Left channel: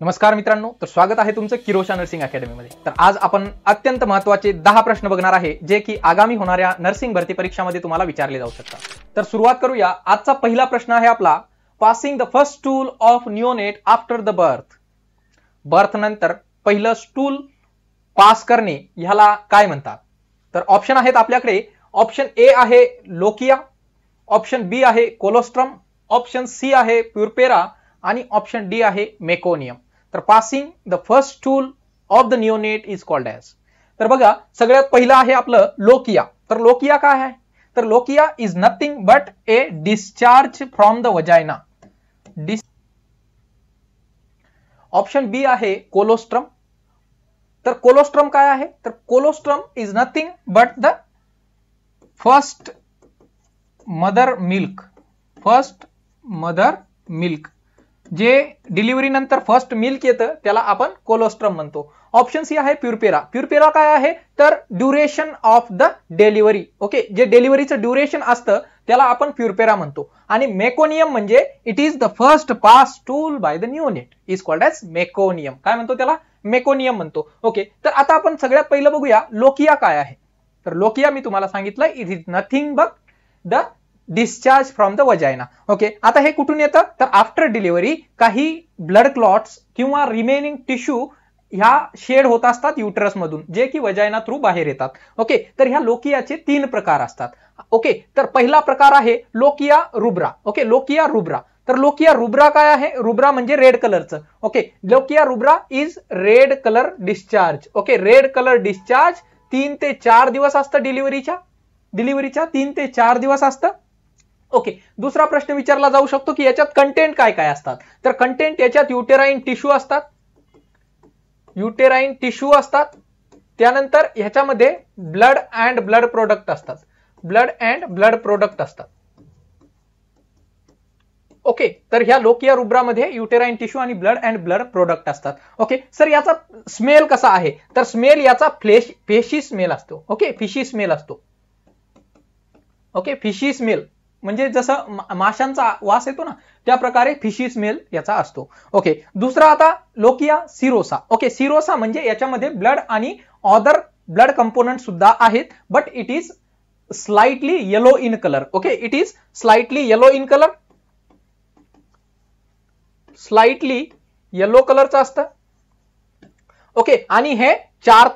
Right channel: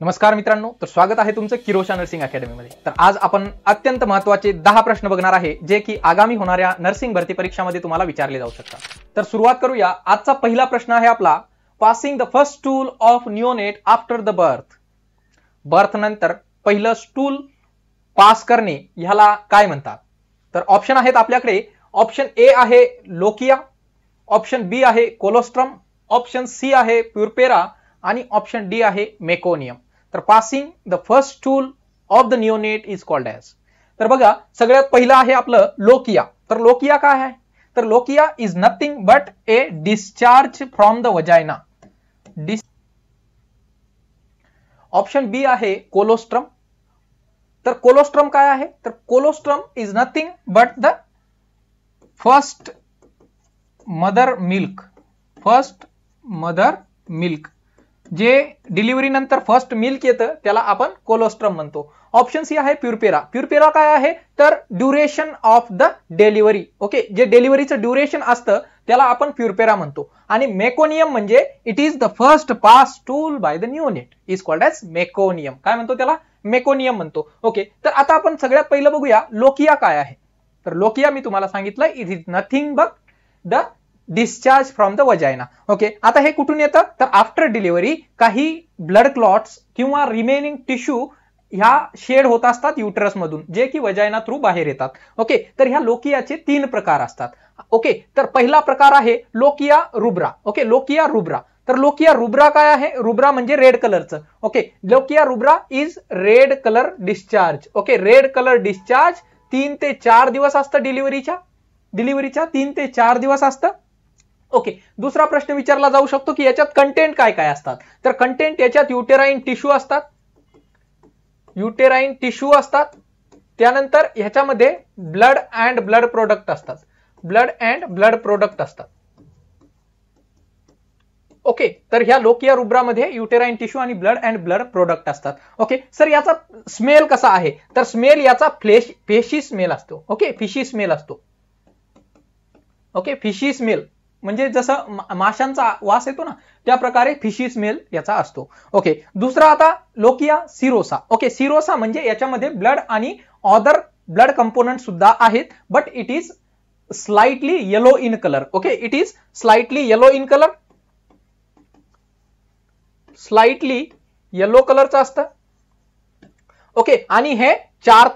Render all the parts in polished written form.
नमस्कार मित्रांनो, तर स्वागत आहे तुमचं किरोशा नर्सिंग अकॅडमी मध्ये। तर आज आपण अत्यंत महत्त्वाचे 10 प्रश्न बघणार आहे जे की आगामी होणाऱ्या नर्सिंग भरती परीक्षामध्ये तुम्हाला विचारले जाऊ शकतात। तर सुरुवात करूया। आजचा पहिला प्रश्न आहे आपला, passing the first stool of neonate after the birth. Birth नंतर पहिलं स्टूल पास करणे ह्याला काय म्हणतात? तर ऑप्शन आहेत आपल्याकडे। ऑप्शन ए आहे लोकिया, ऑप्शन बी आहे कोलोस्ट्रम, ऑप्शन सी आहे प्युरपेरा आणि ऑप्शन डी आहे मेकोनियम। तर passing the first stool of the neonate is called as. तर बघा, सगळ्यात पहिलं आहे आपलं लोकिया। तर लोकिया काय आहे? तर lochia is nothing but a discharge from the vagina. Option B आहे कोलोस्ट्रम। तर कोलोस्ट्रम काय आहे? तर colostrum is nothing but the first mother milk. First mother milk, जे डिलिव्हरी नंतर फर्स्ट मिल्क येतं त्याला आपण कोलोस्ट्रम म्हणतो। ऑप्शन सी आहे प्युरपेरा। प्युरपेरा काय आहे? तर duration of the delivery. Okay, जे डिलिव्हरीचं ड्युरेशन असतं त्याला आपण प्युरपेरा म्हणतो। आणि मेकोनियम म्हणजे it is the first pass stool by the neonate is called as meconium. काय म्हणतो त्याला? मेकोनियम म्हणतो। ओके, तर आता आपण सगळ्यात पहिलं बघूया लोकिया काय आहे। तर लोकिया मी तुम्हाला सांगितलं, it is nothing but the discharge from the vagina. Okay, आता हे कुठून येतं? तर आफ्टर डिलिव्हरी काही ब्लड क्लॉट्स किंवा रिमेनिंग टिश्यू ह्या शेड होत असतात युटरस मधून, जे की वजाइना थ्रू बाहेर येतात। ओके, तर ह्या लोकियाचे 3 प्रकार असतात। ओके, तर पहिला प्रकार आहे lochia rubra. Okay, lochia rubra. तर लोकिया रुब्रा काय आहे? रुब्रा म्हणजे रेड कलरचं। Okay, lochia rubra is red colour discharge. Okay, red colour discharge 3 ते 4 दिवस असतं डिलिव्हरीच्या 3 ते 4 दिवस असतं। ओके, दुसरा प्रश्न विचारला जाऊ शकतो की याच्यात कंटेंट काय काय असतात? तर कंटेंट याच्यात युटेराइन टिश्यू असतात, त्यानंतर ह्याच्यामध्ये ब्लड अँड ब्लड प्रोडक्ट असतात। ओके, तर ह्या लोकिया रुब्रा मध्ये युटेराइन टिश्यू आणि ब्लड अँड ब्लड प्रोडक्ट असतात। ओके, सर याचा स्मेल कसा आहे? तर स्मेल याचा फिशी स्मेल असतो। ओके, फिशी स्मेल असतो। ओके, फिशी स्मेल म्हणजे जसं माशांचा वास येतो ना, त्या प्रकारे फिशी स्मेल याचा असतो। ओके, दुसरा आता लोकिया सिरोसा। ओके, सिरोसा म्हणजे याच्यामध्ये ब्लड आणि अदर ब्लड कंपोनेंट सुद्धा आहेत, but it is slightly yellow in colour. Okay, it is slightly yellow in colour, slightly yellow कलरचं असतं। ओके, आणि हे 4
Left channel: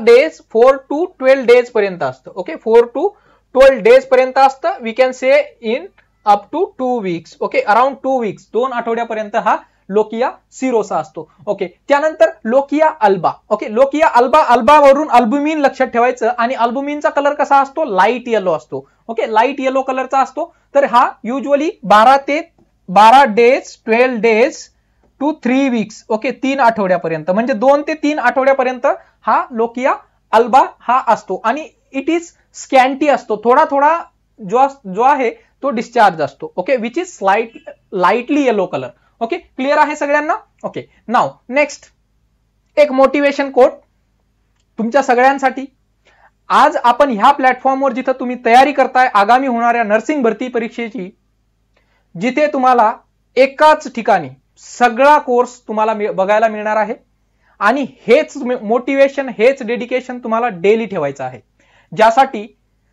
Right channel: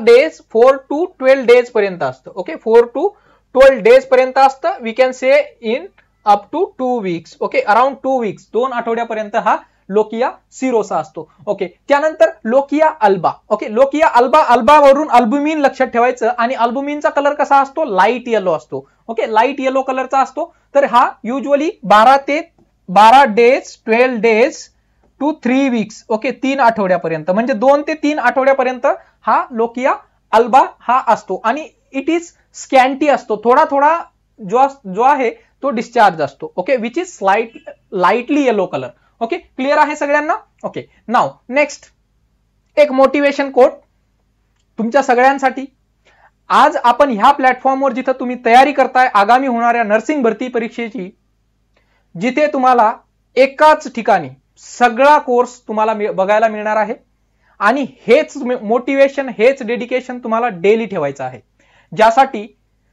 डेज 4 to 12 डेज पर्यंत असतं। ओके, 4 to 12 डेज पर्यंत असतं। We can say in up to 2 weeks. Okay, around 2 weeks, 2 आठवड्यापर्यंत हा लोकिया सिरोसा असतो। ओके, त्यानंतर lochia alba. Okay, lochia alba वरून अल्बुमिन लक्षात ठेवायचं, आणि अल्बुमिनचा कलर कसा असतो? लाईट येलो असतो। ओके, लाईट येलो कलरचा असतो। तर हा usually 12 days 12 days to 3 weeks. Okay, 3 आठवड्यापर्यंत, म्हणजे 2 ते 3 आठवड्यापर्यंत हा लोकिया अल्बा हा असतो। आणि इट इज स्कॅन्टी असतो, थोडा जो आहे तो डिस्चार्ज असतो। Okay, which is lightly yellow colour. Okay, clear आहे सगळ्यांना? ओके, नाउ नेक्स्ट एक मोटिवेशन कोट तुमच्या सगळ्यांसाठी। आज आपण ह्या प्लॅटफॉर्मवर जिथं तुम्ही तयारी करताय आगामी होणाऱ्या नर्सिंग भरती परीक्षेची, जिथे तुम्हाला एकाच ठिकाणी सगळा कोर्स तुम्हाला बघायला मिळणार आहे, आणि हेच मोटिवेशन, हेच डेडिकेशन तुम्हाला डेली ठेवायचं आहे, ज्यासाठी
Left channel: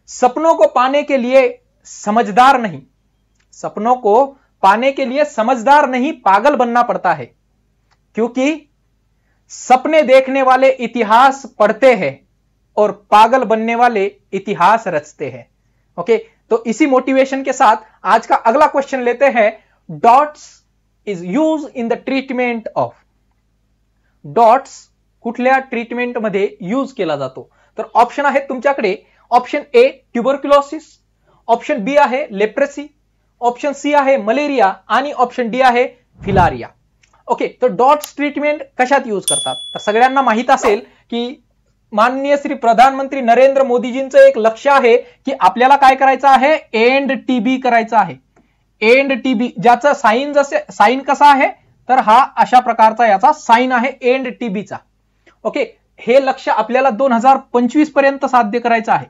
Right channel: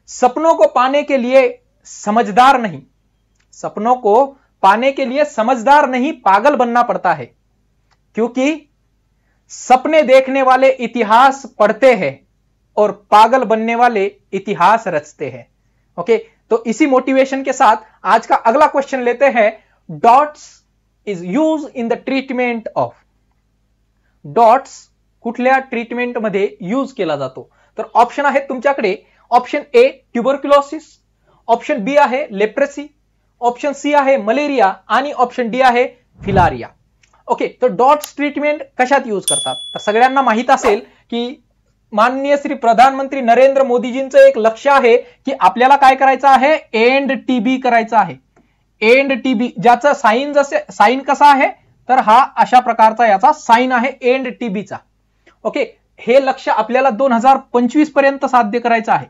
सपनों को पाने के लिए समझदार नहीं पागल बनना पड़ता है, क्योंकि सपने देखने वाले इतिहास पढ़ते हैं और पागल बनने वाले इतिहास रचते हैं। ओके, तो इसी मोटिवेशन के साथ आज का अगला क्वेश्चन लेते हैं। Dots is use in the treatment of. Dots कुठल्या ट्रीटमेंट मध्ये यूज केला जातो? तर ऑप्शन आहेत तुमच्याकडे। Option A tuberculosis, option B आहे लेप्रेसी, ऑप्शन सी आहे मलेरिया, आणि ऑप्शन डी आहे फिलारिया। ओके, तर डॉट्स ट्रीटमेंट कशात यूज करतात? तर सगळ्यांना माहित असेल की माननीय श्री प्रधानमंत्री नरेंद्र मोदीजींचं एक लक्ष्य आहे की आपल्याला काय करायचं आहे? एंड टीबी करायचं आहे। एंड टीबी, ज्याचा साइन कसा आहे? तर हा अशा प्रकारचा याचा साइन आहे एंड टीबीचा। ओके, हे लक्ष्य आपल्याला 2025 पर्यंत साध्य करायचं आहे।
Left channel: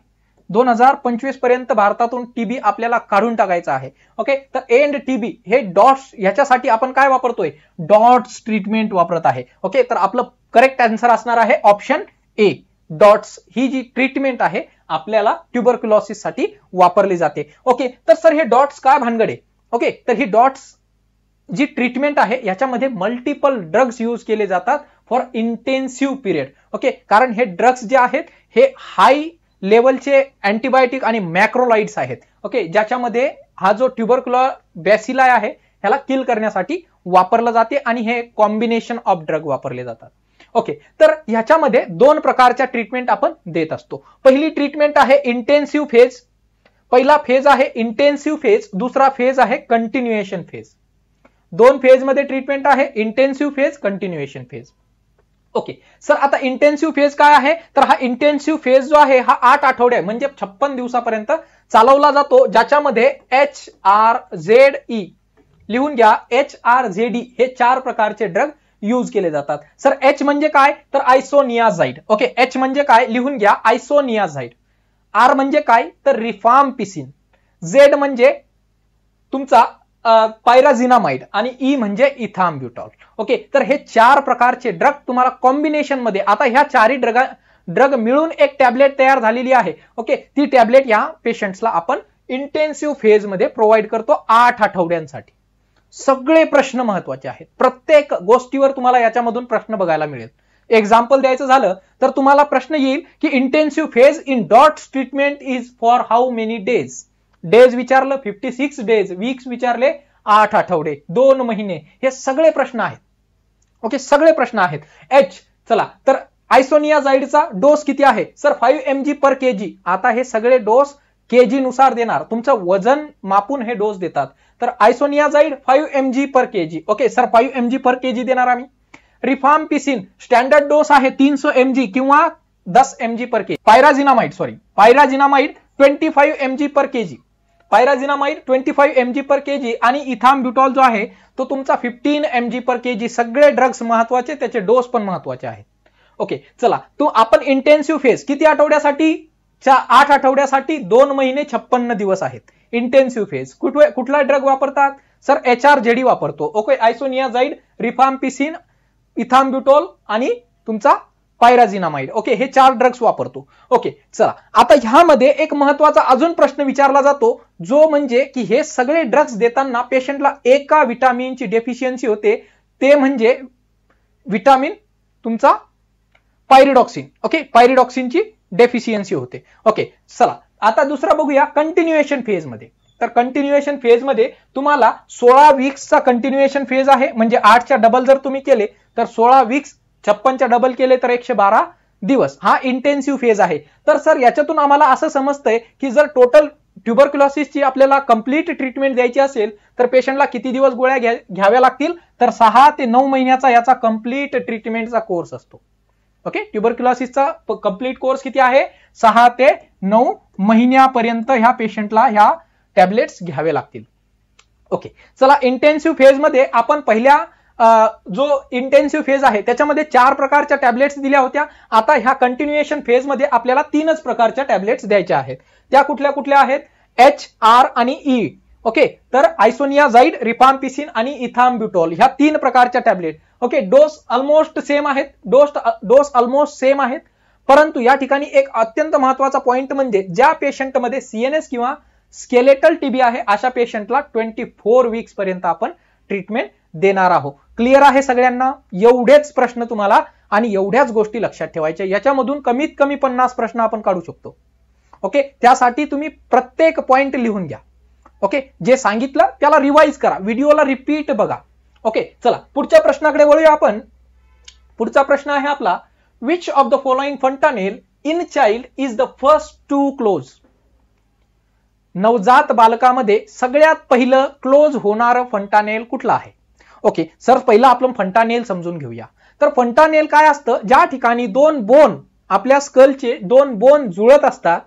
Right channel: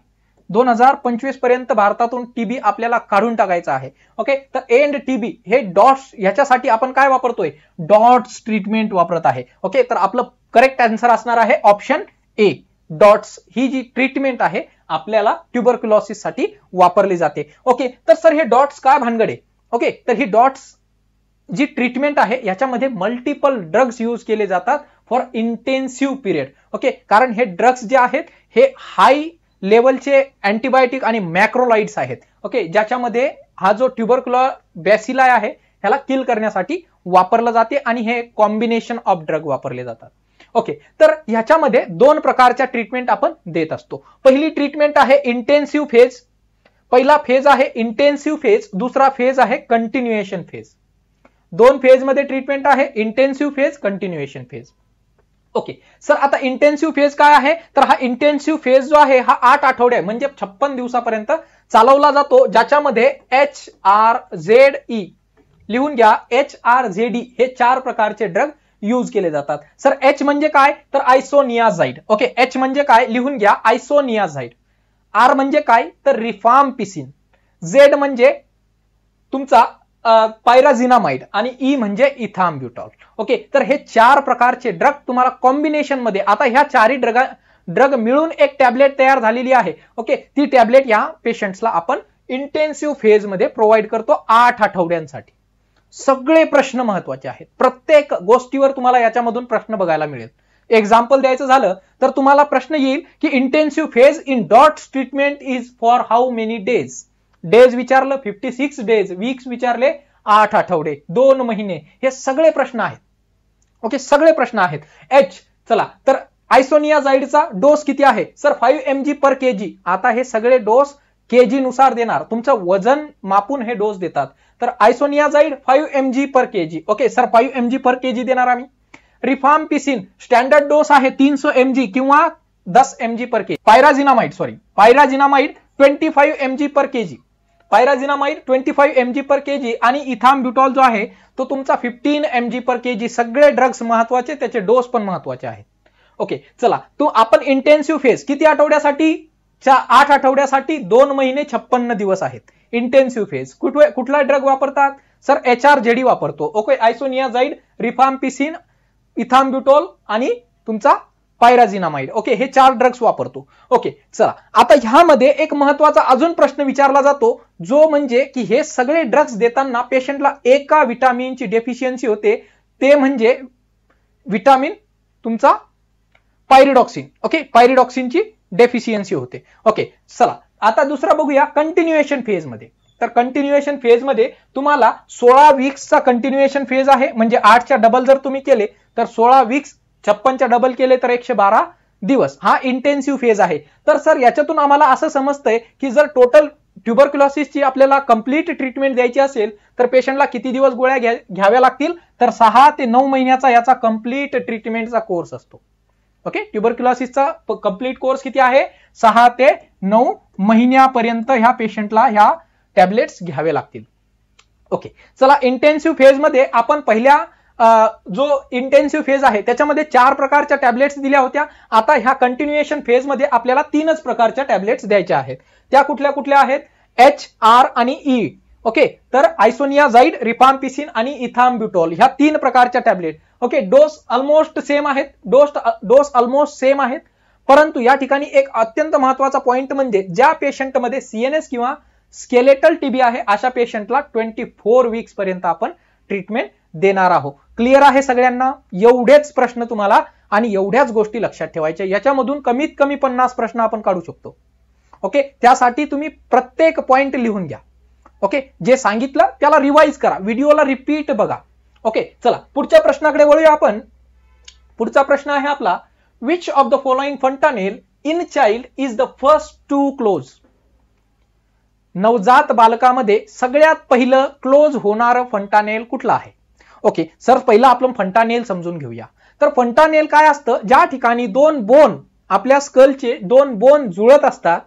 2025 पर्यंत भारतातून टीबी आपल्याला काढून टाकायचा आहे. ओके, तर एंड टीबी हे डॉट्स, याच्यासाठी आपण काय वापरतोय, डॉट्स ट्रीटमेंट वापरत आहे. ओके, तर आपलं करेक्ट आन्सर असणार आहे ऑप्शन ए. डॉट्स ही जी ट्रीटमेंट आहे आपल्याला ट्युबरक्युलोसिस साठी वापरली जाते. ओके, तर सर हे डॉट्स काय भानगड आहे. ओके, तर ही डॉट्स जी ट्रीटमेंट आहे याच्यामध्ये मल्टिपल ड्रग्स यूज केले जातात फॉर इंटेन्सिव्ह पिरियड. ओके, कारण हे ड्रग्स जे आहेत हे हाय लेवलचे अँटीबायोटिक आणि मॅक्रोलाइड्स आहेत. ओके, ज्याच्यामध्ये हा जो ट्युबरक्युलर बॅसिलाई आहे त्याला किल करण्यासाठी वापरला जाते आणि हे कॉम्बिनेशन ऑफ ड्रग वापरले जातात. ओके, तर ह्याच्यामध्ये दोन प्रकारच्या ट्रीटमेंट आपण देत असतो. पहिली ट्रीटमेंट आहे इंटेन्सिव्ह फेज. पहिला फेज आहे इंटेन्सिव्ह फेज, दुसरा फेज आहे कंटिन्युएशन फेज. दोन फेज मध्ये ट्रीटमेंट आहे, intensive phase, continuation phase. Okay, sir आता इंटेन्सिव्ह फेज काय आहे, तर हा इंटेन्सिव्ह फेज जो आहे हा 8 आठवडे म्हणजे 56 दिवसापर्यंत चालवला जातो, ज्याच्यामध्ये HRZE लिहून घ्या, HRZD हे 4 प्रकारचे ड्रग यूज केले जातात. सर H म्हणजे काय, तर आयसोनियाझाइड. ओके, H म्हणजे काय लिहून घ्या, आयसोनियाझाइड. R म्हणजे काय, तर रिफाम्पिसिन. Z म्हणजे तुमचा पायराझिनामाइड आणि ई म्हणजे इथाम्ब्युटॉल. ओके, तर हे 4 प्रकारचे ड्रग तुम्हाला कॉम्बिनेशन मध्ये, आता ह्या 4ही ड्रग मिळून एक टॅबलेट तयार झालेली आहे. ओके, ती टॅबलेट या पेशंट्सला आपण इंटेन्सिव्ह फेज मध्ये प्रोव्हाइड करतो 8 आठवड्यांसाठी. सगळे प्रश्न महत्वाचे आहेत, प्रत्येक गोष्टीवर तुम्हाला याच्यामधून प्रश्न बघायला मिळेल. एक्झाम्पल द्यायचं झालं तर तुम्हाला प्रश्न येईल की intensive phase in dots treatment is for how many days. Days विचारलं 56 डेज, वीक्स विचारले 8 आठवडे, 2 महिने, हे सगळे प्रश्न आहेत. ओके, सगळे प्रश्न आहेत. H, चला तर आयसोनियाझाइडचा डोस किती आहे, सर 5 mg पर kg. आता हे सगळे डोस केजी नुसार देणार, तुमचं वजन मापून हे डोस देतात. तर आयसोनियाझाइड 5 mg पर kg. ओके सर 5 mg पर kg देणार आम्ही. रिफाम्पिसिन स्टँडर्ड डोस आहे 300 mg किंवा 10 mg पर kg. पायराझिनामाइड 25 mg पर kg. पायराझिनामाइड 25 mg पर kg आणि इथाम्ब्युटॉल जो आहे तो तुमचा 15 mg पर kg. सगळे ड्रग्स महत्वाचे, त्याचे डोस पण महत्वाचे आहेत. ओके, चला आपण इंटेन्सिव्ह फेज किती आठवड्यासाठी, 8 आठवड्यासाठी 2 महिने 56 दिवस आहेत. इंटेन्सिव्ह फेज कुठला ड्रग वापरतात, सर HRZD वापरतो. ओके, आयसोनियाझाइड, रिफाम्पिसिन, इथाम्ब्युटॉल आणि तुमचा पायराझिनामाइड. ओके, हे 4 ड्रग्स वापरतो. ओके, चला आता ह्यामध्ये एक महत्वाचा अजून प्रश्न विचारला जातो, जो म्हणजे की हे सगळे ड्रग्स देताना पेशंटला एका विटामिनची डेफिशियन्सी होते, ते म्हणजे विटामिन तुमचा पायरिडॉक्सिन. ओके, पायरिडॉक्सिनची डेफिशियन्सी होते. ओके, चला आता दुसरा बघूया कंटिन्युएशन फेज मध्ये. तर कंटिन्युएशन फेज मध्ये तुम्हाला 16 वीक्सचा कंटिन्युएशन फेज आहे, म्हणजे 8च्या डबल जर तुम्ही केले तर 16 वीक्स, 56च्या डबल केले तर 112 दिवस, हा इंटेन्सिव्ह फेज आहे. तर सर याच्यातून आम्हाला असं समजतंय की जर टोटल ट्युबरक्युलोसिसची आपल्याला कंप्लीट ट्रीटमेंट द्यायची असेल तर पेशंटला किती दिवस गोळ्या घ्याव्या लागतील, तर 6 ते 9 महिन्याचा याचा कंप्लीट ट्रीटमेंटचा कोर्स असतो. ओके, ट्युबरक्युलोसिसचा कंप्लीट कोर्स किती आहे, 6 ते 9 महिन्यापर्यंत ह्या पेशंटला ह्या टॅबलेट्स घ्यावे लागतील. ओके, चला इंटेन्सिव्ह फेज मध्ये आपण पहिल्या जो इंटेन्सिव्ह फेज आहे त्याच्यामध्ये 4 प्रकारच्या टॅबलेट्स दिल्या होत्या. आता ह्या कंटिन्युएशन फेज मध्ये आपल्याला 3च प्रकारच्या टॅबलेट्स द्यायच्या आहेत. त्या कुठल्या कुठल्या आहेत, H, R आणि E. ओके, तर आयसोनियाझाइड, रिफाम्पिसिन आणि इथाम्ब्युटॉल ह्या 3 प्रकारच्या tablet. Okay, dose almost same आहेत, डोस ऑलमोस्ट सेम आहेत, परंतु या ठिकाणी एक अत्यंत महत्वाचा पॉइंट म्हणजे ज्या पेशंटमध्ये CNS किंवा स्केलेटल टीबी आहे अशा पेशंटला 24 वीक्स पर्यंत आपण ट्रीटमेंट देणार आहोत. क्लिअर आहे सगळ्यांना? एवढेच प्रश्न तुम्हाला आणि एवढ्याच गोष्टी लक्षात ठेवायच्या. याच्यामधून कमीत कमी 50 प्रश्न आपण काढू शकतो. ओके, त्यासाठी तुम्ही प्रत्येक पॉइंट लिहून घ्या. ओके, जे सांगितलं त्याला रिवाइज करा, व्हिडिओला रिपीट बघा. ओके, चला पुढच्या प्रश्नाकडे वळूया आपण. पुढचा प्रश्न आहे आपला, which of the following fontanelle in child is the first to close. नवजात बालकामध्ये सगळ्यात पहिलं क्लोज होणारं फंटानेल कुठलं आहे. ओके सर, पहिला आपण फंटानेल समजून घेऊया. तर फंटानेल काय असतं, ज्या ठिकाणी 2 बोन, आपल्या स्कलचे 2 बोन जुळत असतात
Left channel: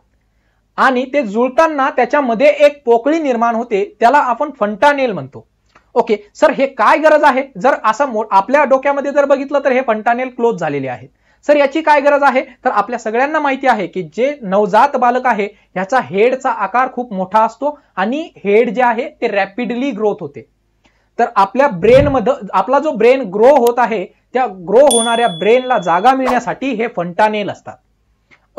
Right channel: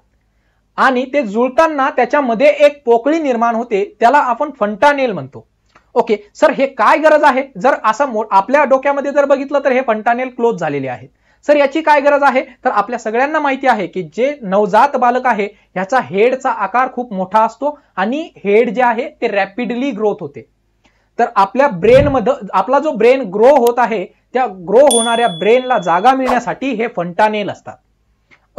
आणि ते जुळताना त्याच्यामध्ये एक पोकळी निर्माण होते, त्याला आपण फंटानेल म्हणतो. ओके सर, हे काय गरज आहे, जर असं आपल्या डोक्यामध्ये जर बघितलं तर हे फंटानेल क्लोज झालेले आहेत. सर याची काय गरज आहे, तर आपल्या सगळ्यांना माहिती आहे की जे नवजात बालक आहे ह्याचा हेडचा आकार खूप मोठा असतो आणि हेड जे आहे ते रॅपिडली ग्रोथ होते. तर आपल्या ब्रेन मध्ये आपला जो ब्रेन ग्रो होत आहे त्या ग्रो होणाऱ्या ब्रेनला जागा मिळण्यासाठी हे फंटानेल असतात.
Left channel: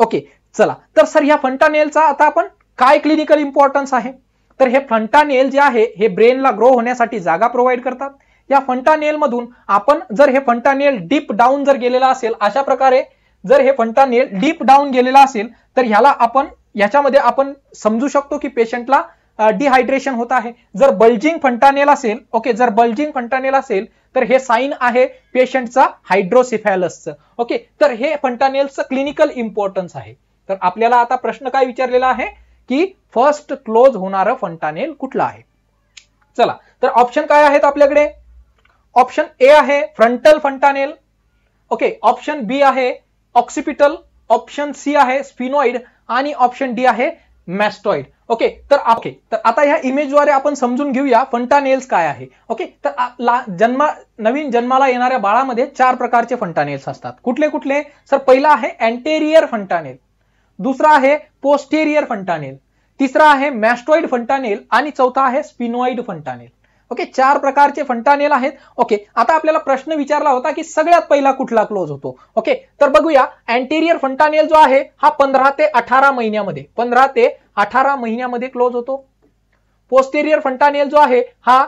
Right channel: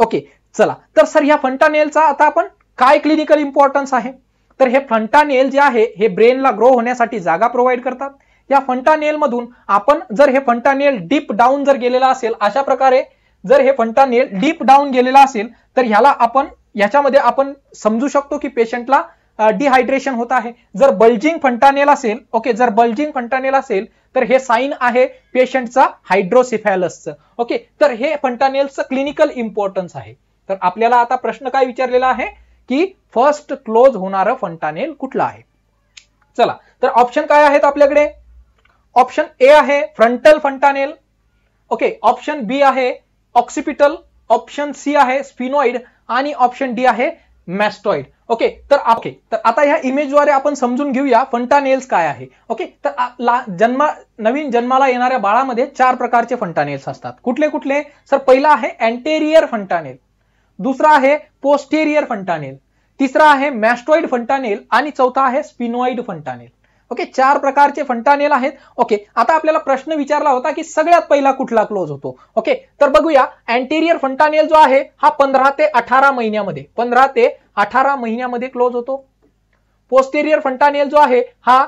ओके चला, तर सर या फंटानेलचा आता आपण काय क्लिनिकल इम्पॉर्टन्स आहे, तर हे फंटानेल जे आहे हे ब्रेनला ग्रो होण्यासाठी जागा प्रोव्हाइड करतात. या फंटानेल मधून आपण जर हे फंटानेल डीप डाऊन जर गेलेला असेल, अशा प्रकारे जर हे फंटानेल डीप डाऊन गेलेला असेल तर ह्याला आपण याच्यामध्ये आपण समजू शकतो की पेशंटला डिहायड्रेशन होत आहे. जर बल्जिंग फंटानेल असेल, ओके, जर बल्जिंग फंटानेल असेल तर हे साइन आहे पेशंटचा हायड्रोसेफॅलसचं. ओके, तर हे फंटानेलचं क्लिनिकल इम्पॉर्टन्स आहे. तर आपल्याला आता प्रश्न काय विचारलेला आहे की फर्स्ट क्लोज होणारं फंटानेल कुठलं आहे. चला, तर ऑप्शन काय आहेत आपल्याकडे. ऑप्शन ए आहे फ्रंटल फंटानेल, ओके, ऑप्शन बी आहे ऑक्सिपिटल, ऑप्शन सी आहे स्फिनॉइड आणि ऑप्शन डी आहे मॅस्टॉइड. ओके, तर आता ह्या इमेजद्वारे आपण समजून घेऊया फंटानेल्स काय आहे. ओके, तर नवीन जन्माला येणाऱ्या बाळामध्ये 4 प्रकारचे फंटानेल्स असतात. कुठले कुठले, सर पहिला आहे अँटेरियर फंटानेल, दुसरा आहे पोस्टेरियर फंटानेल, तिसरा आहे मॅस्टॉइड फंटानेल आणि चौथा आहे स्फिनॉइड फंटानेल. ओके, 4 प्रकारचे फंटानेल आहेत. ओके, आता आपल्याला प्रश्न विचारला होता की सगळ्यात पहिला कुठला क्लोज होतो. ओके, तर बघूया अँटेरियर फंटानेल जो आहे हा 15 ते 18 महिन्यामध्ये क्लोज होतो. पोस्टेरियर फंटानेल जो आहे हा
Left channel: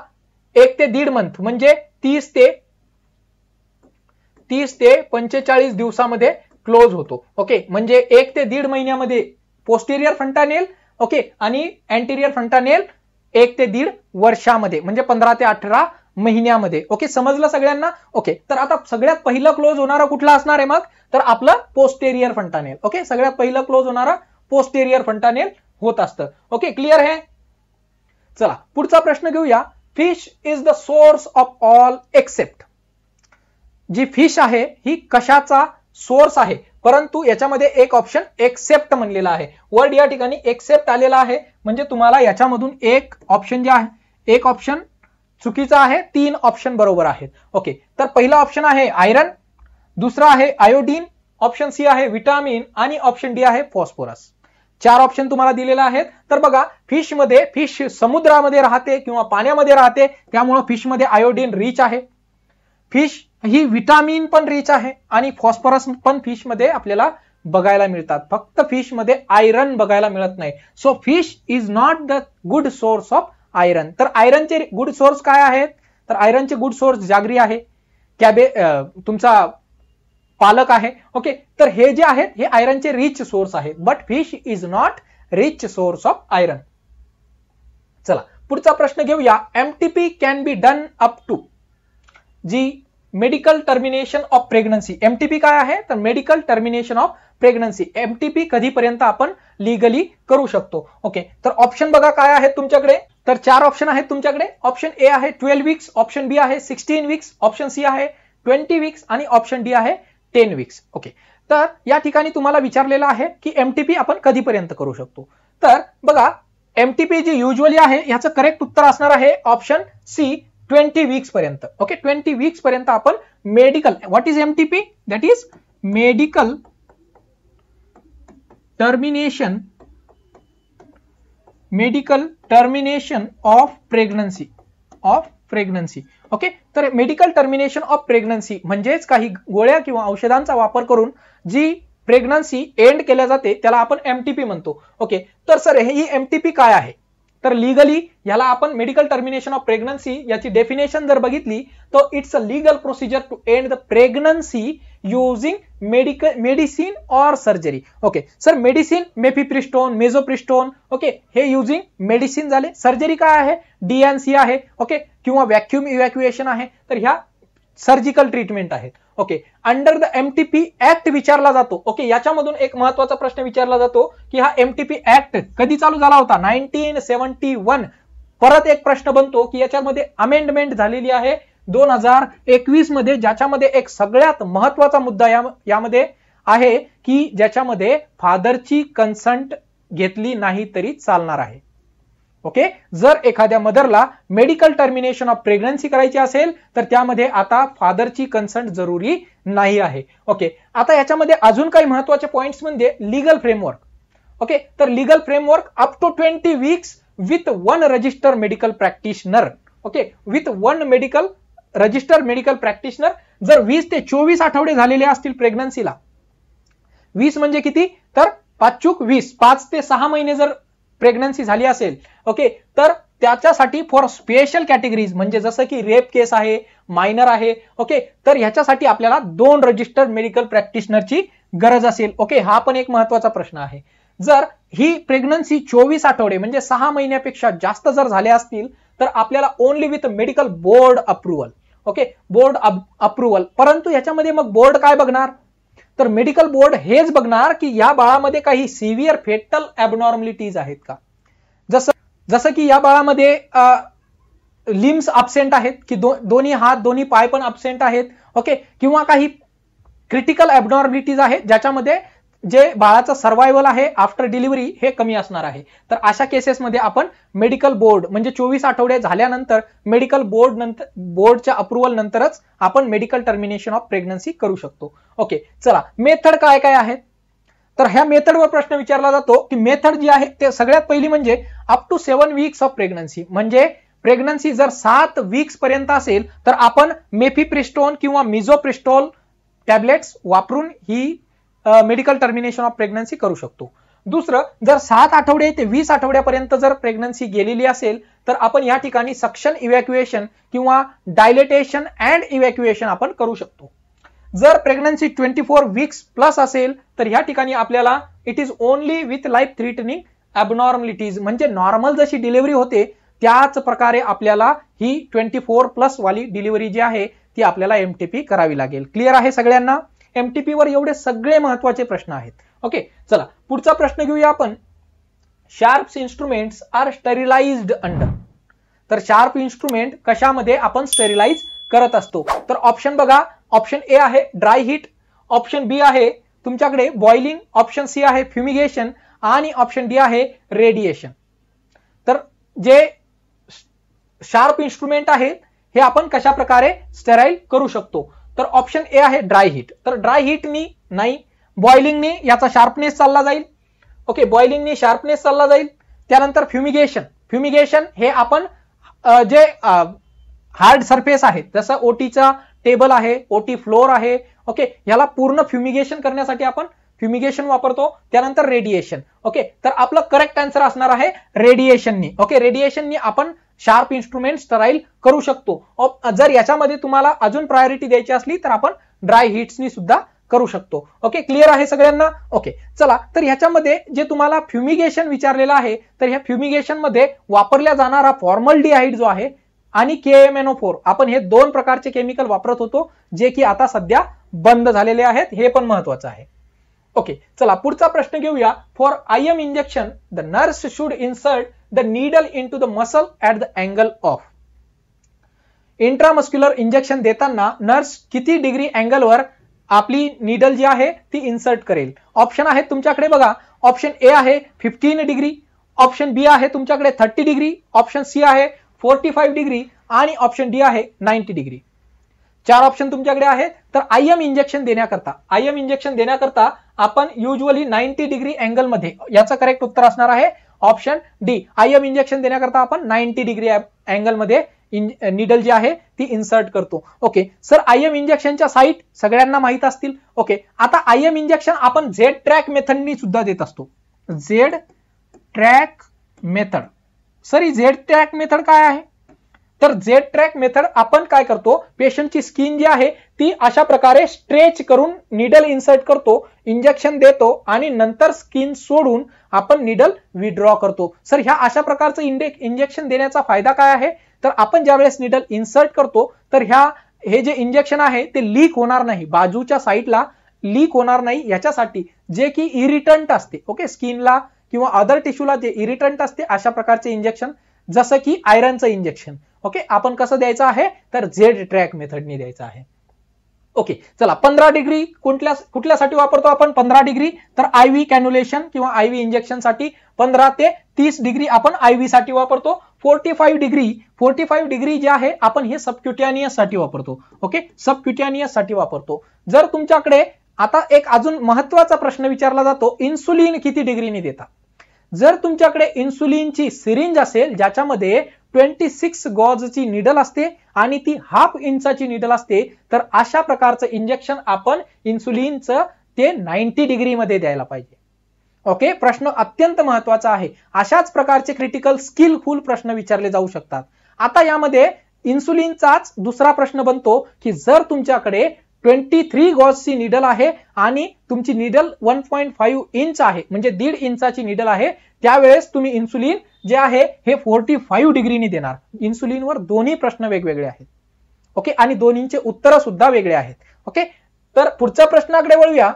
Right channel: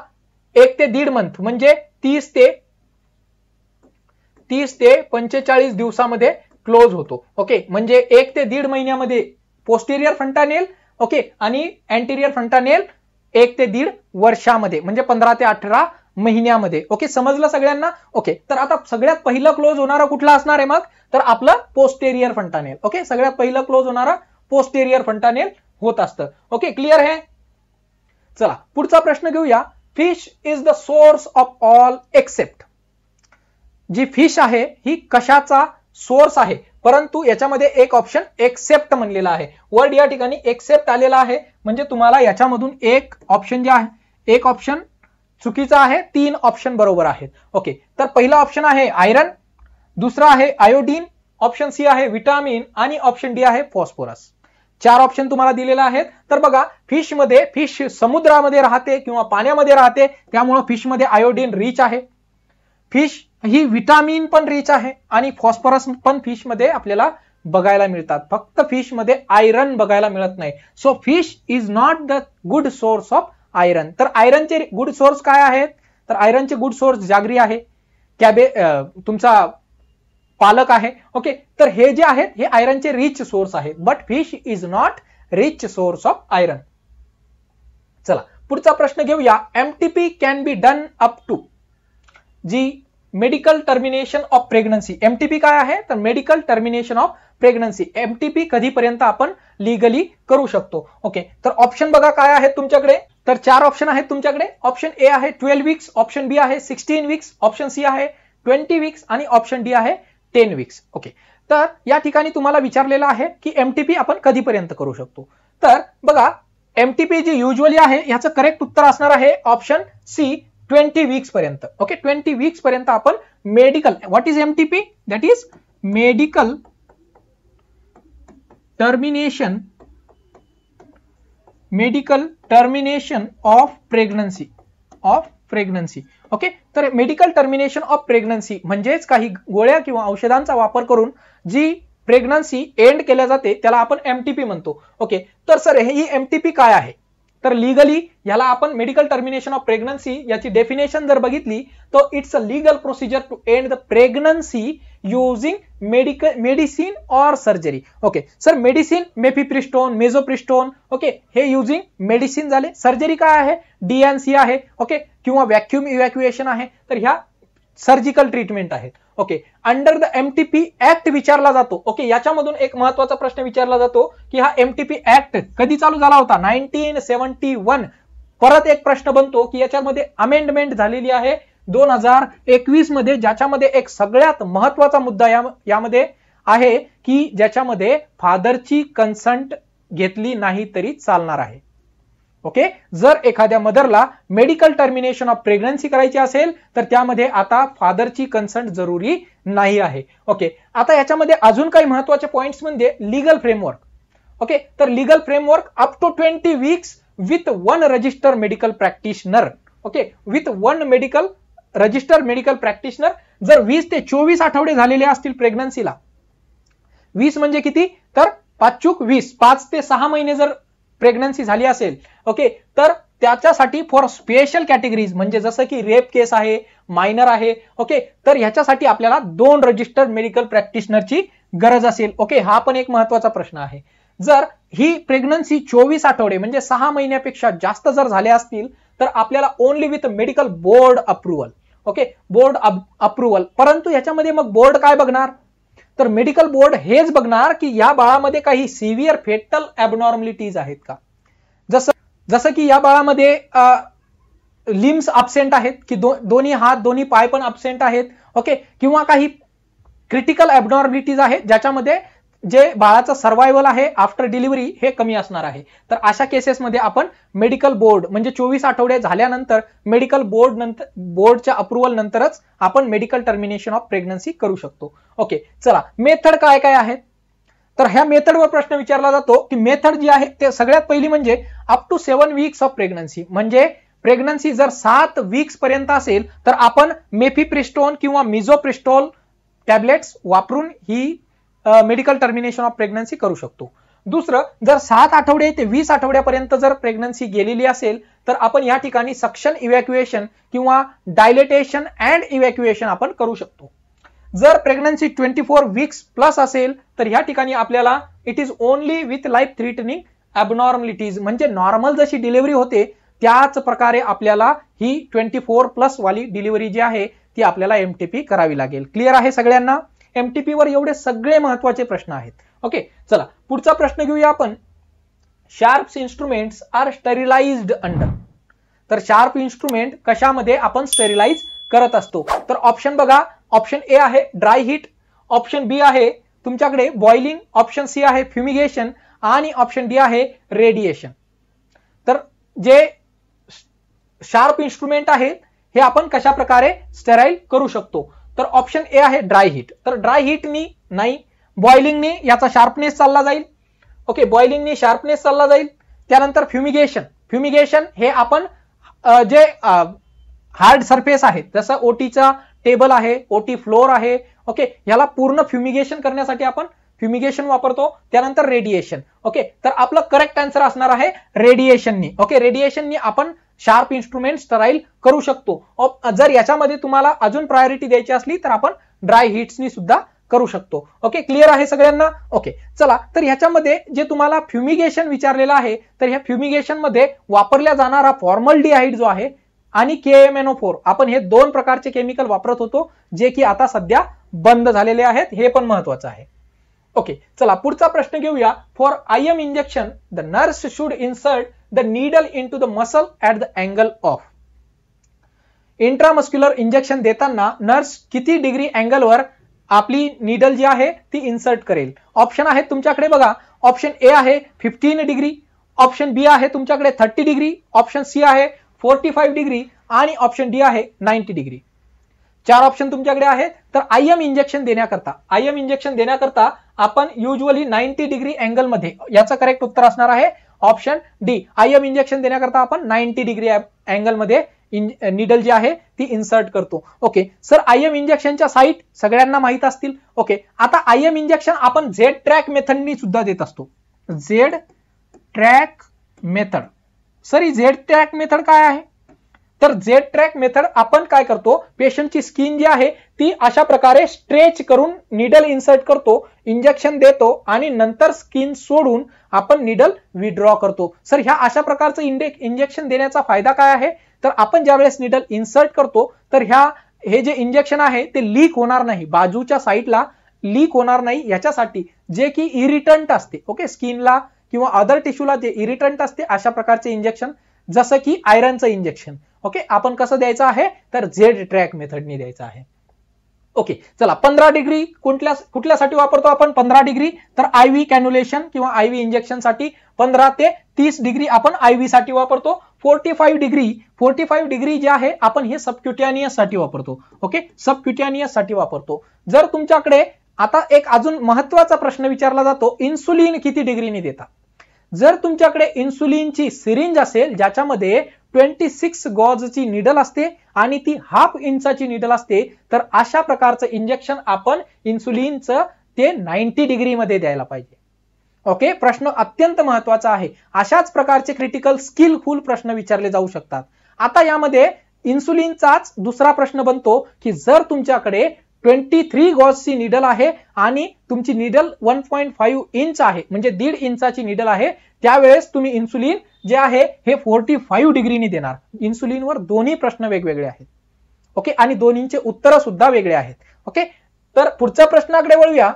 1 ते 1.5 मंथ म्हणजे 30 ते 45 दिवसामध्ये क्लोज होतो. ओके, म्हणजे 1 ते 1.5 महिन्यामध्ये पोस्टेरियर फंटानेल, ओके, आणि अँटेरियर फंटानेल 1 ते 1.5 वर्षामध्ये म्हणजे 15 ते 18 महिन्यामध्ये. ओके, समजलं सगळ्यांना. ओके, तर आता सगळ्यात पहिला क्लोज होणारा कुठला असणार आहे मग, तर आपला पोस्टेरियर फंटानेल. ओके, सगळ्यात पहिला क्लोज होणारा पोस्टेरियर फंटानेल होत असतं. ओके, क्लिअर आहे. चला पुढचा प्रश्न घेऊया. Fish is the source of all except. जी फिश आहे ही कशाचा सोर्स आहे, परंतु याच्यामध्ये एक ऑप्शन एक्सेप्ट म्हणलेला आहे. वर्ड या ठिकाणी एक्सेप्ट आलेला आहे म्हणजे तुम्हाला याच्यामधून एक ऑप्शन जे आहे एक ऑप्शन चुकीचा आहे, 3 ऑप्शन बरोबर आहेत. ओके, तर पहिला ऑप्शन आहे आयरन, दुसरा आहे आयोडीन, ऑप्शन सी आहे विटामिन आणि ऑप्शन डी आहे फॉस्फरस. 4 ऑप्शन तुम्हाला दिलेले आहेत. तर बघा, फिश समुद्रामध्ये राहते किंवा पाण्यामध्ये राहते त्यामुळे फिश मध्ये आयोडीन रिच आहे, फिश ही विटामिन पण रिच आहे आणि फॉस्फरस पण फिश मध्ये आपल्याला बघायला मिळतात. फक्त फिश मध्ये आयरन बघायला मिळत नाही. So fish is not the good source of iron. तर आयरनचे गुड सोर्स काय आहेत, तर आयरनचे गुड सोर्स जागरी आहे, तुमचा पालक आहे. ओके, तर हे जे आहेत हे आयरनचे रिच सोर्स आहेत, but fish is not rich source of iron. चला पुढचा प्रश्न घेऊया. MTP can be done up to जी medical termination of pregnancy. MTP काय आहे, तर medical termination of pregnancy. MTP कधीपर्यंत आपण लिगली करू शकतो. ओके, तर ऑप्शन बघा काय आहेत तुमच्याकडे. तर 4 ऑप्शन आहेत तुमच्याकडे. ऑप्शन ए आहे 12 वीक्स, ऑप्शन बी आहे 16 वीक्स, ऑप्शन सी आहे 20 वीक्स आणि ऑप्शन डी आहे 10 वीक्स. ओके, तर या ठिकाणी तुम्हाला विचारलेलं आहे की एमटीपी आपण कधीपर्यंत करू शकतो. तर बघा, एमटीपी जी युजली आहे याचं करेक्ट उत्तर असणार आहे ऑप्शन सी 20 वीक्स पर्यंत. ओके, 20 वीक्स पर्यंत आपण medical, what is MTP, that is medical termination of pregnancy. Okay, तर मेडिकल टर्मिनेशन ऑफ प्रेग्नन्सी म्हणजेच काही गोळ्या किंवा औषधांचा वापर करून जी प्रेग्नन्सी एंड केल्या जाते त्याला आपण एमटीपी म्हणतो. ओके, तर सर ही एमटीपी काय आहे, तर लिगली याला आपण मेडिकल टर्मिनेशन ऑफ प्रेग्नन्सी याची डेफिनेशन जर बघितली तर it's a legal procedure to end the pregnancy using medicine और surgery. Okay, sir medicine mifepristone, misoprostol, okay, हे युजिंग मेडिसिन झाले. सर्जरी काय आहे, डीएनसी आहे, ओके, किंवा व्हॅक्यूम इव्हॅक्युएशन आहे. तर ह्या सर्जिकल ट्रीटमेंट आहेत. Okay, under the MTP act विचारला जातो. ओके, याच्यामधून एक महत्वाचा प्रश्न विचारला जातो की हा एमटीपी ऍक्ट कधी चालू झाला होता, 1971. परत एक प्रश्न बनतो की याच्यामध्ये अमेंडमेंट झालेली आहे 2021 मध्ये, ज्याच्यामध्ये एक सगळ्यात महत्वाचा मुद्दा यामध्ये आहे की ज्याच्यामध्ये फादरची कन्सेंट घेतली नाही तरी चालणार आहे. ओके, जर एखाद्या मदरला मेडिकल टर्मिनेशन ऑफ प्रेग्नन्सी करायची असेल तर त्यामध्ये आता फादरची कन्संट जरुरी नाही आहे. ओके, आता याच्यामध्ये अजून काही महत्वाचे पॉइंट्स म्हणजे लीगल फ्रेमवर्क. ओके, तर legal framework up to 20 weeks with 1 register medical practitioner. Okay, with 1 register medical practitioner. जर 20 ते 24 आठवडे झालेले असतील प्रेग्नन्सीला, 20 म्हणजे किती, तर 5 ते 6 महिने जर प्रेग्नन्सी झाली असेल, ओके, तर त्याच्यासाठी फॉर स्पेशल कॅटेगरीज म्हणजे जसं की रेप केस आहे, मायनर आहे, ओके, तर याच्यासाठी आपल्याला 2 रजिस्टर मेडिकल प्रॅक्टिशनरची गरज असेल. ओके, हा पण एक महत्वाचा प्रश्न आहे. जर ही प्रेग्नन्सी 24 आठवडे म्हणजे 6 महिन्यापेक्षा जास्त जर झाले असतील तर आपल्याला only with medical board approval. Okay, board approval. परंतु याच्यामध्ये मग बोर्ड काय बघणार, तर मेडिकल बोर्ड हेच बघणार की या बाळामध्ये काही सिव्हिअर फेटल ॲबनॉर्मलिटीज आहेत का. जसं की या बाळामध्ये लिम्स अब्सेंट आहेत की दोन्ही हात दोन्ही पाय पण अब्सेंट आहेत. ओके, किंवा काही क्रिटिकल ॲबनॉर्मलिटीज आहेत ज्याच्यामध्ये जे बाळाचं सर्व्हायव्हल आहे आफ्टर डिलिव्हरी हे कमी असणार आहे. तर अशा केसेसमध्ये आपण मेडिकल बोर्ड म्हणजे 24 आठवडे झाल्यानंतर मेडिकल बोर्डच्या अप्रुव्हल नंतरच आपण मेडिकल टर्मिनेशन ऑफ प्रेग्नन्सी करू शकतो. ओके, चला मेथड काय काय आहेत, तर ह्या मेथडवर प्रश्न विचारला जातो की मेथड जी आहे ते सगळ्यात पहिली म्हणजे up to 7 weeks of pregnancy. म्हणजे प्रेग्नन्सी जर 7 वीक्स पर्यंत असेल तर आपण मेफिप्रिस्टोन किंवा मिझोप्रिस्टोल टॅब्लेट्स वापरून ही मेडिकल टर्मिनेशन ऑफ प्रेग्नन्सी करू शकतो. दुसरं, जर 7 आठवडे ते 20 आठवड्यापर्यंत जर प्रेग्नन्सी गेलेली असेल तर आपण या ठिकाणी सक्शन इव्हॅक्युएशन किंवा डायलेटेशन अँड इव्हॅक्युएशन आपण करू शकतो. जर प्रेग्नन्सी 24 वीक्स प्लस असेल तर या ठिकाणी आपल्याला it is only with life threatening abnormalities म्हणजे नॉर्मल जशी डिलिव्हरी होते त्याच प्रकारे आपल्याला ही 24 प्लस वाली डिलिव्हरी जी आहे ती आपल्याला एमटीपी करावी लागेल. क्लिअर आहे सगळ्यांना. एमटीपी वर एवढे सगळे महत्वाचे प्रश्न आहेत. ओके, चला पुढचा प्रश्न घेऊया आपण. Sharps instruments are sterilised under. तर शार्प इन्स्ट्रुमेंट कशामध्ये आपण स्टेरिलाइज करत असतो, तर ऑप्शन बघा. ऑप्शन ए आहे ड्राय हीट, ऑप्शन बी आहे तुमच्याकडे बॉइलिंग, ऑप्शन सी आहे फ्युमिगेशन आणि ऑप्शन डी आहे रेडिएशन. तर जे शार्प इन्स्ट्रुमेंट आहे हे आपण कशा प्रकारे स्टेराइल करू शकतो, तर ऑप्शन ए आहे ड्राय हीट. तर ड्राय हीटनी नाही, बॉइलिंगने याचा शार्पनेस चालला जाईल. ओके, बॉइलिंगने शार्पनेस चालला जाईल. त्यानंतर फ्युमिगेशन हे आपण जे हार्ड सरफेस आहेत जसं ओटीचा टेबल आहे, ओटी फ्लोर आहे, ओके, याला पूर्ण फ्युमिगेशन करण्यासाठी आपण फ्युमिगेशन वापरतो. त्यानंतर रेडिएशन. ओके, तर आपलं करेक्ट आन्सर असणार आहे रेडिएशननी. ओके, रेडिएशननी आपण शार्प इन्स्ट्रुमेंट स्टराईल करू शकतो. जर याच्यामध्ये तुम्हाला अजून प्रायोरिटी द्यायची असली तर आपण ड्राय हीट्सने सुद्धा करू शकतो. ओके, क्लिअर आहे सगळ्यांना. ओके, चला तर ह्याच्यामध्ये जे तुम्हाला फ्युमिगेशन विचारलेलं आहे तर ह्या फ्युमिगेशन मध्ये वापरला जाणारा फॉर्मल्डिहाइड जो आहे आणि KMNO4 आपण हे 2 प्रकारचे केमिकल वापरत होतो जे की आता सध्या बंद झालेले आहेत, हे पण महत्वाचं आहे. ओके, चला पुढचा प्रश्न घेऊया. For IM injection the nurse should insert the needle into the muscle at the angle of. Intramuscular injection देताना नर्स किती डिग्री अँगलवर आपली नीडल जी आहे ती इन्सर्ट करेल. ऑप्शन आहे तुमच्याकडे बघा. ऑप्शन ए आहे 15 डिग्री, ऑप्शन बी आहे तुमच्याकडे 30 डिग्री, ऑप्शन सी आहे 45 डिग्री आणि ऑप्शन डी आहे 90 डिग्री. 4 ऑप्शन तुमच्याकडे आहे. तर IM इंजेक्शन देण्याकरता आपण युजली 90 डिग्री अँगल मध्ये, याचं करेक्ट उत्तर असणार आहे ऑप्शन डी. IM इंजेक्शन देण्याकरता आपण 90 डिग्री अँगल मध्ये नीडल जी आहे ती इन्सर्ट करतो. ओके सर, IM इंजेक्शनच्या साईट सगळ्यांना माहित असतील. ओके, आता IM इंजेक्शन आपण झेड ट्रॅक मेथडनी सुद्धा देत असतो. Z track method. सर ही झेड ट्रॅक मेथड काय आहे, तर झेड ट्रॅक मेथड आपण काय करतो, पेशंटची स्किन जी आहे ती अशा प्रकारे स्ट्रेच करून नीडल इन्सर्ट करतो, इंजेक्शन देतो आणि नंतर स्किन सोडून आपण नीडल विड्रॉ करतो. सर ह्या अशा प्रकारचं इंजेक्शन देण्याचा फायदा काय आहे, तर आपण ज्यावेळेस नीडल इन्सर्ट करतो तर हे जे इंजेक्शन आहे ते लीक होणार नाही, बाजूच्या साईडला लीक होणार नाही याच्यासाठी जे की इरिटंट असते. ओके, स्किनला किंवा अदर टिश्यूला जे इरिटंट असते अशा प्रकारचे इंजेक्शन, जसं की आयरनचं इंजेक्शन. ओके, आपण कसं द्यायचं आहे, तर झेड ट्रॅक मेथडने द्यायचं आहे. ओके, चला 15 डिग्री कुठल्यासाठी वापरतो आपण 15 डिग्री? तर आयव्ही कॅन्युलेशन किंवा आयव्ही इंजेक्शन साठी 15 ते 30 डिग्री आपण आयव्ही साठी वापरतो. 45 डिग्री जे आहे आपण हे सबक्युटॅनियस साठी वापरतो. ओके, सबक्युटॅनियस साठी वापरतो. जर तुमच्याकडे आता एक अजून महत्वाचा प्रश्न विचारला जातो, इन्सुलिन किती डिग्रीने देतात? जर तुमच्याकडे इन्सुलिनची सिरिंज असेल ज्याच्यामध्ये 26 गॉजची निडल असते आणि ती ½ इंचाची निडल असते, तर अशा प्रकारचं इंजेक्शन आपण इन्सुलिनचं ते 90 डिग्री मध्ये द्यायला पाहिजे. ओके, प्रश्न अत्यंत महत्वाचा आहे. अशाच प्रकारचे क्रिटिकल स्किलफुल प्रश्न विचारले जाऊ शकतात. आता यामध्ये इन्सुलिनचाच दुसरा प्रश्न बनतो की जर तुमच्याकडे 23 गॉजची निडल आहे आणि तुमची निडल 1.5 इंच आहे, म्हणजे 1.5 इंचाची निडल आहे, त्यावेळेस तुम्ही इन्सुलिन जे आहे हे 45 डिग्रीने देणार. इन्सुलिनवर दोन्ही प्रश्न वेगवेगळे आहेत. ओके, आणि दोन्हींचे उत्तर सुद्धा वेगळे आहेत. ओके, तर पुढच्या प्रश्नाकडे वळूया.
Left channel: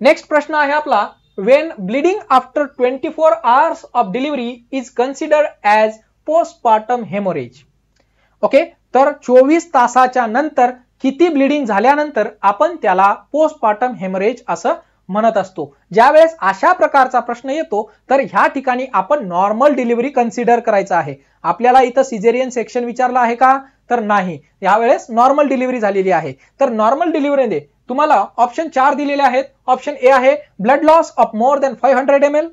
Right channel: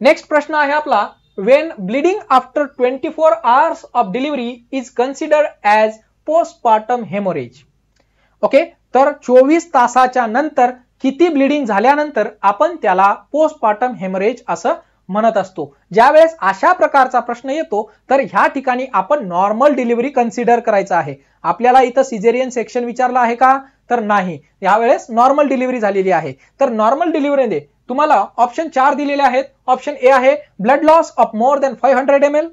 नेक्स्ट प्रश्न आहे आपला, Wien bleeding after 24 hours of delivery is considered as postpartum haemorrhage. Okay, तर 24 तासाच्या नंतर किती ब्लीडिंग झाल्यानंतर आपण त्याला पोस्टपार्टम हेमरेज असा म्हणत असतो. ज्यावेळेस अशा प्रकारचा प्रश्न येतो तर ह्या ठिकाणी आपण नॉर्मल डिलिव्हरी कन्सिडर करायचं आहे. आपल्याला इथं सिझेरियन सेक्शन विचारलं आहे का? तर नाही, यावेळेस नॉर्मल डिलिव्हरी झालेली आहे. तर नॉर्मल डिलिव्हरीमध्ये तुम्हाला ऑप्शन 4 दिलेले आहेत. ऑप्शन ए आहे blood loss of more than 500 ml.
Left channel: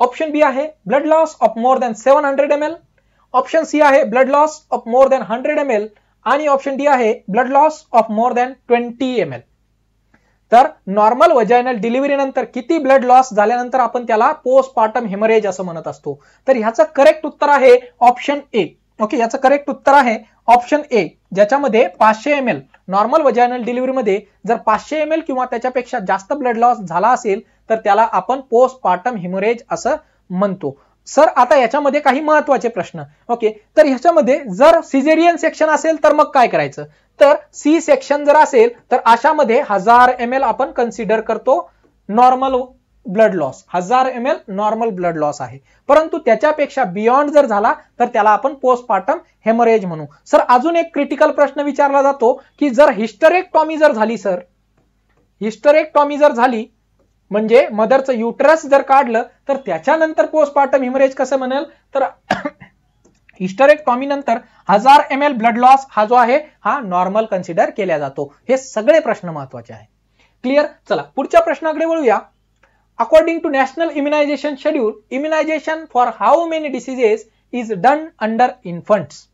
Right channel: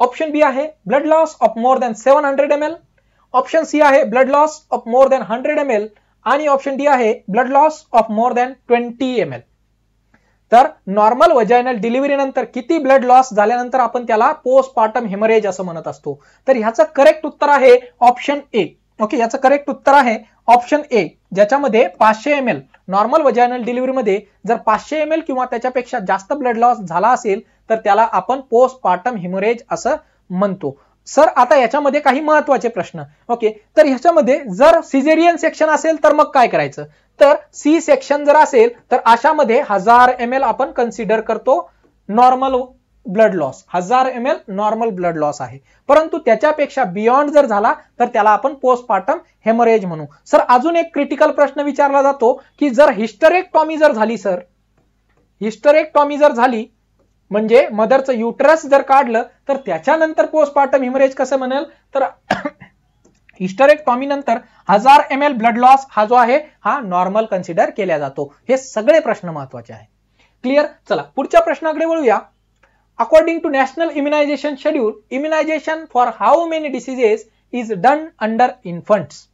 Option B आहे blood loss of more than 700 ml. Option C आहे blood loss of more than 100 ml. आणि ऑप्शन डी आहे blood loss of more than 20 ml. तर normal vaginal delivery नंतर किती blood loss झाल्यानंतर आपण त्याला पोस्टपार्टम हेमरेज असं म्हणत असतो. तर ह्याचं करेक्ट उत्तर आहे ऑप्शन ए. ओके, याचं करेक्ट उत्तर आहे ऑप्शन ए, ज्याच्यामध्ये 500 ml नॉर्मल वजायनल डिलिव्हरीमध्ये जर 500 ml किंवा त्याच्यापेक्षा जास्त ब्लड लॉस झाला असेल तर त्याला आपण पोस्टपार्टम हेमरेज असं म्हणतो. सर, आता याच्यामध्ये काही महत्वाचे प्रश्न. ओके, तर ह्याच्यामध्ये जर सिझेरियन सेक्शन असेल तर मग काय करायचं? तर सी सेक्शन जर असेल तर अशामध्ये 1000 ml आपण कन्सिडर करतो normal blood loss. 1000 ml normal blood loss आहे, परंतु त्याच्यापेक्षा बियॉन्ड जर झाला तर त्याला आपण पोस्टपार्टम हेमरेज म्हणू. सर, अजून एक क्रिटिकल प्रश्न विचारला जातो की जर हिस्टेरेक्टॉमी जर झाली, सर हिस्टेरेक्टॉमी जर झाली म्हणजे मदरचं युटरस जर काढलं तर त्याच्यानंतर पोस्टपार्टम हेमरेज कसं म्हणाल? तर हिस्टेरेक्टॉमी नंतर 1000 ml ब्लड लॉस हा जो आहे हा नॉर्मल कन्सिडर केला जातो. हे सगळे प्रश्न महत्वाचे आहेत. क्लिअर? चला पुढच्या प्रश्नाकडे वळूया. According to national immunisation schedule, immunization for how many diseases is done under infants.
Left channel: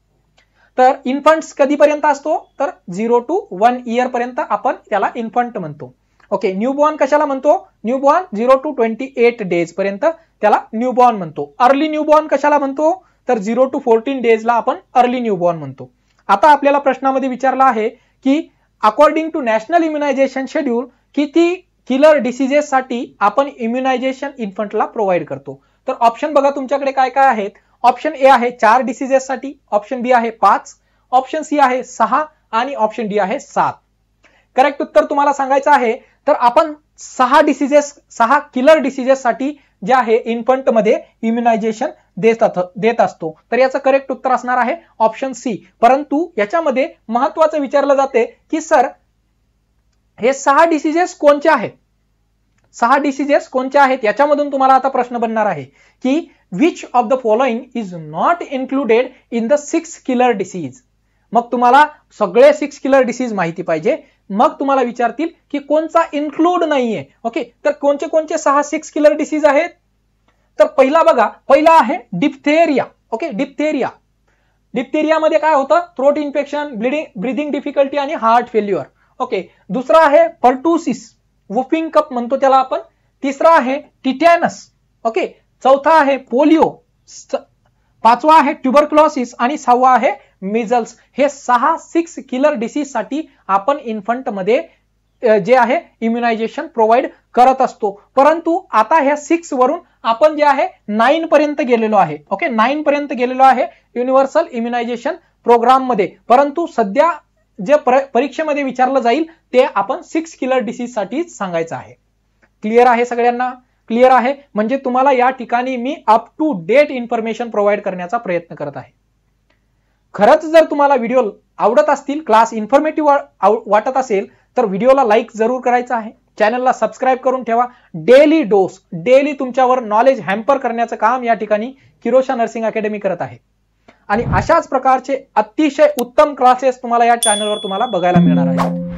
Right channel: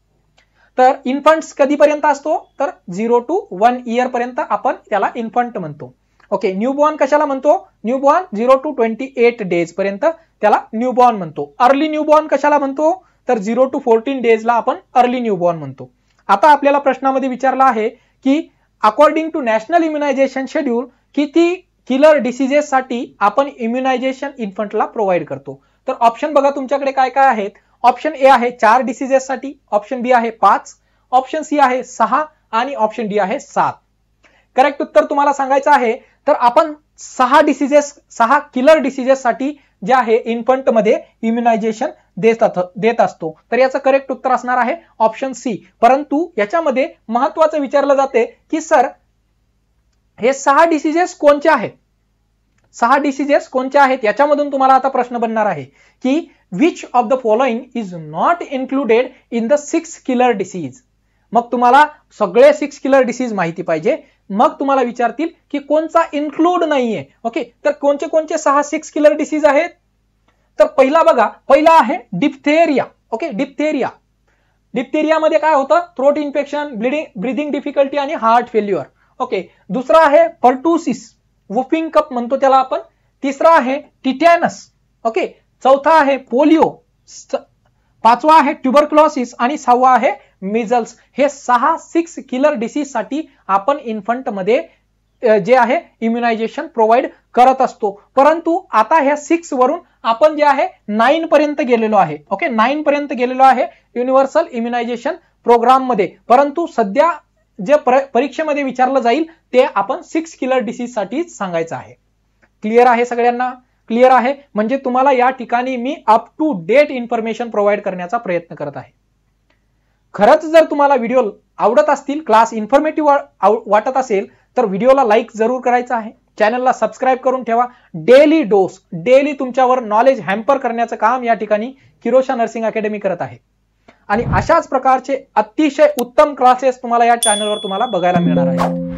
तर इन्फंट्स कधीपर्यंत असतो? तर 0 to 1 year पर्यंत आपण त्याला इन्फंट म्हणतो. ओके, न्यूबॉर्न कशाला म्हणतो? न्यूबॉर्न 0 to 28 days पर्यंत त्याला न्यूबॉर्न म्हणतो. अर्ली न्यूबॉर्न कशाला म्हणतो? तर 0 to 14 days ला आपण अर्ली न्यूबॉर्न म्हणतो. आता आपल्याला प्रश्नामध्ये विचारला आहे की according to national immunisation schedule किती किलर डिसीजेस साठी आपण इम्युनायझेशन इन्फंटला प्रोव्हाइड करतो. तर ऑप्शन बघा तुमच्याकडे काय काय आहेत. ऑप्शन ए आहे 4 डिसीजेस साठी, ऑप्शन बी आहे 5, ऑप्शन सी आहे 6 आणि ऑप्शन डी आहे 7. करेक्ट उत्तर तुम्हाला सांगायचं आहे तर आपण 6 किलर डिसीजेस साठी जे आहे इन्फंट मध्ये इम्युनायझेशन देत असतो. तर याचं करेक्ट उत्तर असणार आहे ऑप्शन सी. परंतु याच्यामध्ये महत्वाचं विचारलं जाते की सर हे 6 डिसीजेस कोणते आहेत? 6 डिसीजेस कोणते आहेत याच्यामधून तुम्हाला आता प्रश्न बनणार आहे की which of the following is not included in the 6 killer disease. मग तुम्हाला सगळे 6 किलर डिसीज माहिती पाहिजे. मग तुम्हाला विचारतील की कोणता इन्क्लूड नाहीये. ओके, तर कोणते 6 किलर डिसीज आहेत? तर पहिला बघा, पहिला आहे डिप्थेरिया. ओके, डिप्थेरिया मध्ये काय होतं? थ्रोट इन्फेक्शन, ब्रीदिंग डिफिकल्टी आणि हार्ट फेल्युअर. ओके, दुसरा आहे पर्टुसिस, वुफिंग कप म्हणतो त्याला आपण. तिसरा आहे टिटॅनस. ओके, चौथा आहे पोलिओ, 5वा आहे ट्युबरक्लोसिस आणि 6वा आहे मिझल्स. हे 6 किलर डिसीज साठी आपण इन्फंट मध्ये जे आहे इम्युनायझेशन प्रोव्हाइड करत असतो. परंतु आता ह्या 6 वरून आपण जे आहे 9 पर्यंत गेलेलो आहे. ओके, 9 पर्यंत गेलेलो आहे युनिव्हर्सल इम्युनायझेशन प्रोग्राम मध्ये. परंतु सध्या जे परीक्षेमध्ये विचारलं जाईल ते आपण 6 किलर डिसीज साठी सांगायचं आहे. क्लिअर आहे सगळ्यांना? क्लिअर आहे. म्हणजे तुम्हाला या ठिकाणी मी up to date information provide करण्याचा प्रयत्न करत आहे. खरंच जर तुम्हाला व्हिडिओ आवडत असतील, क्लास इन्फॉर्मेटिव्ह वाटत असेल तर व्हिडिओला लाईक जरूर करायचं आहे, चॅनलला सबस्क्राईब करून ठेवा. डेली डोस, डेली तुमच्यावर नॉलेज हॅम्पर करण्याचं काम या ठिकाणी किरोशा नर्सिंग अकॅडमी करत आहे. आणि अशाच प्रकारचे अतिशय उत्तम क्लासेस तुम्हाला या चॅनलवर तुम्हाला बघायला मिळणार आहेत.